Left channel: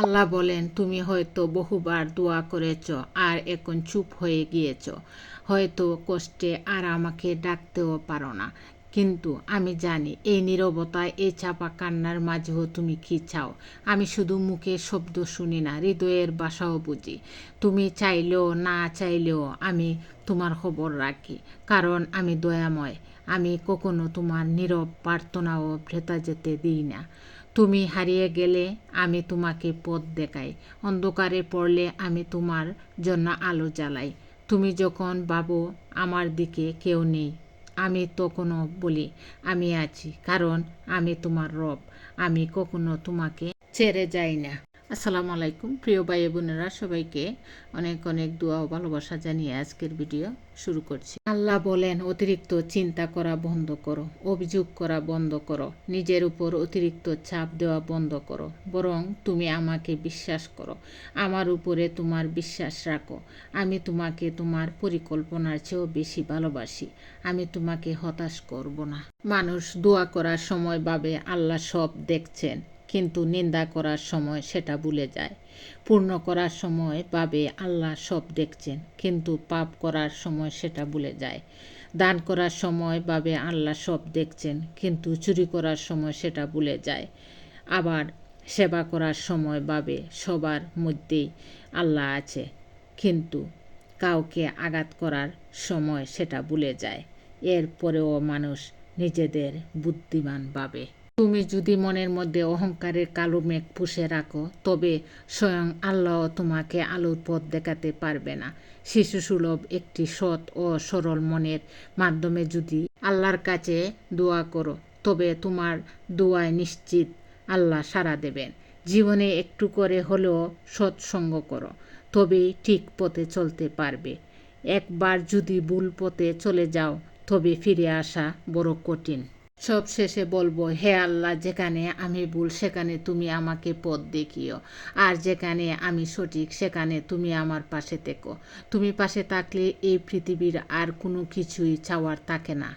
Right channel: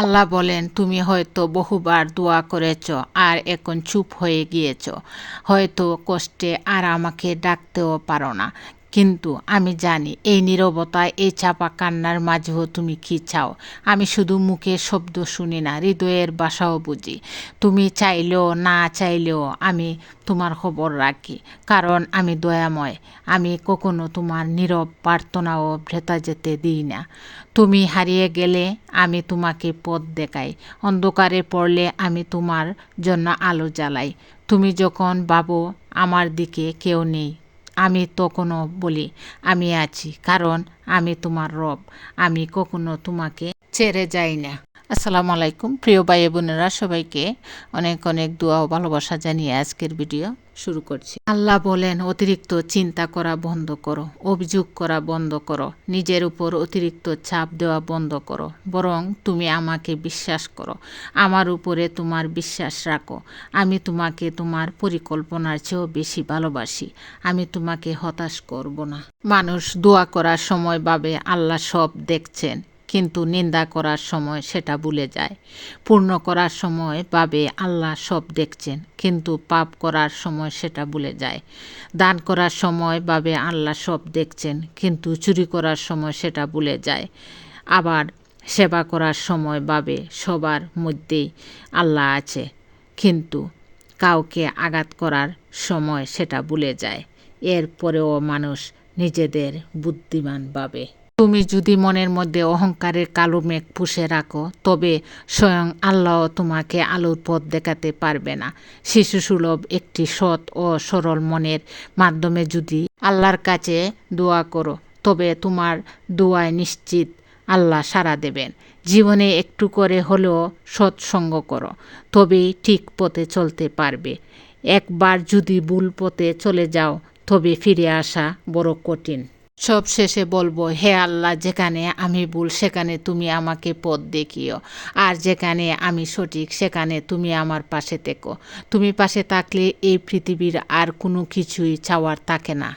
আল্লাহ বলেন, তুমি হয়তো বহুবার দোয়া করেছ আর এখন চুপ হয়ে গিয়েছ, হয়তো কষ্টে আর আমাকে ডাকতেও পারো না। কিন্তু আমি জানি এই নীরবতায়, এই চাপা কান্নার মাঝেও তুমি কি চাও। আমি শুধু মুখে শব্দ শুনি না, হৃদয়ের বাসাও বুঝি। তুমি চাইলেও না চাইলেও আমি তোমার খবর রাখি, কারণ আমি দয়াময়। আমি কখনো তোমার নীরব প্রার্থনাও ভ্রেতা যেতে দিই না। তুমি হারিয়ে গেলে আমি তোমাকে পথ দেখাই, অন্ধকারে পড়লে আমি তোমার জন্য আলো জ্বালাই। তুমি যখন ভাবো আমার দিকে কেউ নেই, আমি তখনও বলি আমি আছি, কারণ আমি তোমার রব। আমি কখনো তোমাকে ছেড়ে যাই না। আসসালামু আলাইকুম প্রিয় ভাই বোনেরা, সবাইকে অনেক অনেক দোয়া ও ভালোবাসা জানিয়ে আজকের ভিডিও শুরু করছি। আল্লাহ বলেন, অতিরিক্ত চিন্তা করা বন্ধ করো, অভিযোগ করা বন্ধ করো, নিজের উপর অতিরিক্ত চাপ দেওয়া বন্ধ করো। বরং তুমি আমাকে বিশ্বাস করো, আমার উপরে তোমার বিশ্বাস রাখো। আমি তোমাকে তোমার পরিকল্পনার চেয়েও বেশি ভালোবাসি। আমি তোমাকে হতাশ করব না। মানুষ দোয়া করার সময় ভাবে আল্লাহ সব দেখছেন, কিন্তু নিন্দা করার সময় সেটা ভুলে যায়। পূর্ণ করার সময় ভাবে আল্লাহ সব দেখছেন, কিন্তু পাপ করার সময় সেটা ভুলে যায়। দান করার সময় ভাবে আল্লাহ সব দেখছেন, কিন্তু চুরি করার সময় সেটা ভুলে যায়। আবার সেবা করার সময় ভাবে সবার মধ্যেই আল্লাহ আছে, কিন্তু কাউকে আঘাত করার সময় সেটা ভুলে যায়। এরপরেও মানুষ নিজেদের বুদ্ধিমান ভাবে। তুমি যদি মনের মধ্যে অহংকারের কালো মেঘ পুষে রাখো, তবে স্বয়ং আল্লাহ তোমাকে আলোর পথ দেখাতে পারবে না। শিশুসুলভ একটি সৎ ও সরল মনের মাধ্যমে যদি আল্লাহর কাছে দোয়া করো, তবে তোমার দোয়ায় নিশ্চিত আল্লাহ সাড়া দেবেন। জীবনে একটু করে হলেও সৎসঙ্গ করো, তবেই ঠিক পথে চলতে পারবে। একবার যদি ভুল পথে চলে যাও, তবে ফিরে আসা বড় কঠিন। সব শেষে বলবো, হে আল্লাহ, যেখানে আমি ভুল সেখানে তুমি আমাকে পথ দেখিও, আর যেখানে আমি সঠিক সেখানে তুমি আমার পাশে থেকো। তুমি পাশে থাকলে এই পৃথিবীর আর কোনো কিছুই চাওয়ার থাকে না।